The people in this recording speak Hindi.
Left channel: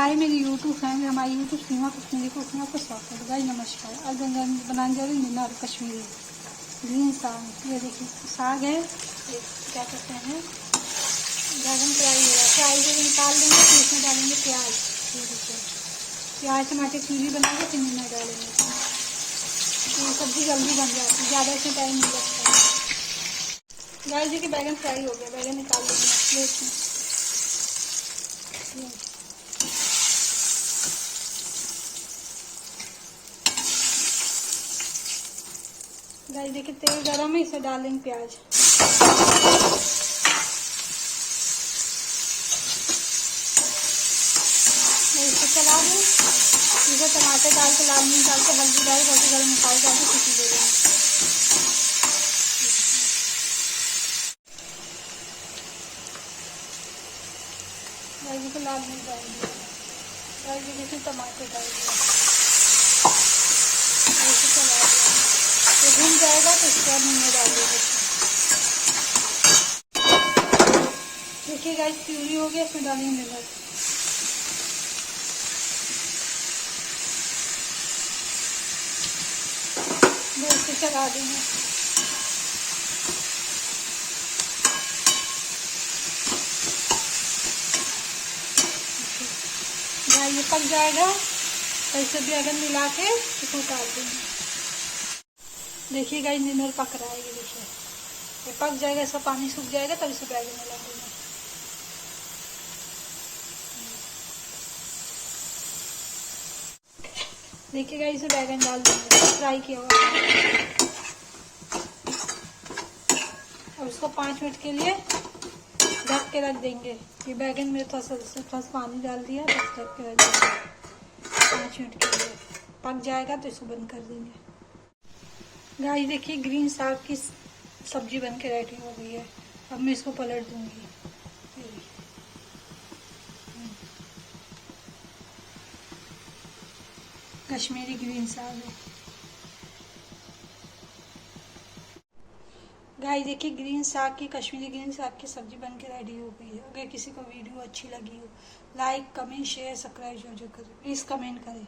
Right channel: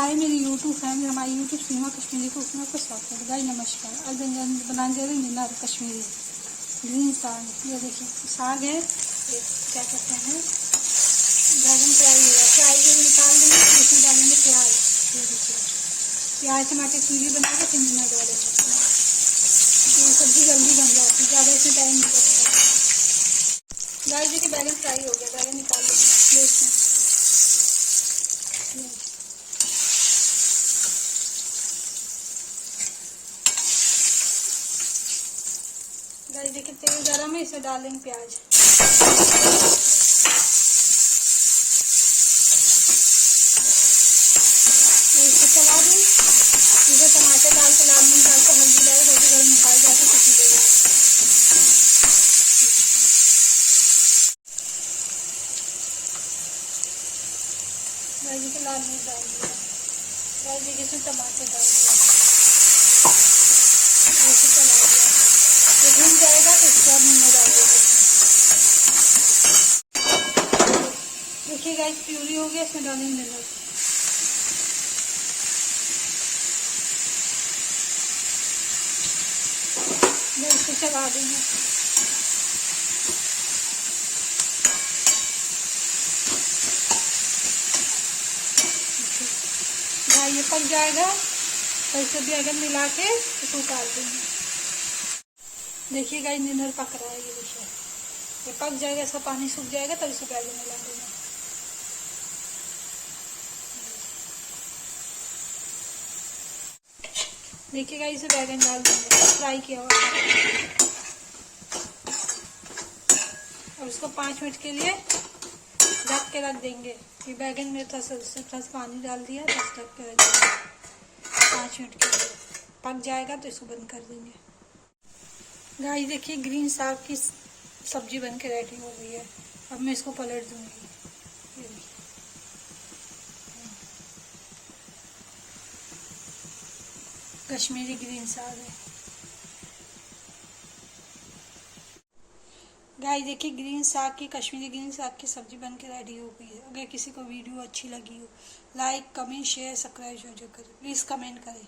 हाय मेरी यूट्यूब फैमिली, हमारी यूट्यूब सीमा कश्मीरी कुक में आपका स्वागत है। गाइस नमस्कार। आज बनाने जा रहे हैं नीला कश्मीरी ग्रीन साग। ये देखिए साग है, ये क्या कहते हैं बैगन फ्राई है। फ्राई को निकाल देंगे, फिर इसमें डालेंगे प्याज। ये देखिए प्याज टमाटर प्यूरी बना के फिर नीला डालेंगे। तो सब्जी जल्दी बन जाती है, ज़्यादा इसमें टाइम नहीं लगता है। गाइस देखिए बैगन फ्राई हो गया, बैगन निकाल देंगे प्लेट में। गाइस देखिए तेल गरम है, इसे डालेंगे प्याज। इसे चला दूँ, इसे टमाटर डाल के लाल मिर्च डाल के हल्दी डाल के गरम मसाले डाल के सीटी दे देंगे। गाइस देखिए लाल मिर्च डाल दिया। गाइस देखिए इसमें टमाटर डाल दिया, इसे चला दिया। ये भून जाएगा तो इसके बाद नींबू डाल देंगे। देखिए गाइस प्यूरी हो गया, इसमें डालेंगे नमक। इसे चला देंगे। गाइस ये पक जाएगा तो इसे बैगन मिला के इसको उतार देंगे। देखिए गाइस निनर पक रहा है, ये देखिए ये पक जाएगा, इसका पानी सूख जाएगा तब इसे बैगन मिला देंगे। देखिए गाइस इसे बैगन डाल देंगे फ्राई किया हुआ। और उसको 5 मिनट के लिए ढक के रख देंगे। ये बैगन में थोड़ा सा पानी डाल दिया, बस ढक के रख देंगे 5 मिनट के लिए। पक जाएगा तो इसको बंद कर देंगे। गाइस देखिए ग्रीन साग की सब्जी बन के रेडी हो गई है। अब मैं इसको पलट दूंगी। कश्मीरी ग्रीन साग है। गाइस देखिए ग्रीन साग की कश्मीरी ग्रीन साग की सब्जी बन के रेडी हो गई है। अगर किसी को वीडियो अच्छी लगी हो, लाइक कमेंट शेयर सब्सक्राइब जरूर करें। प्लीज़ कमेंट करें।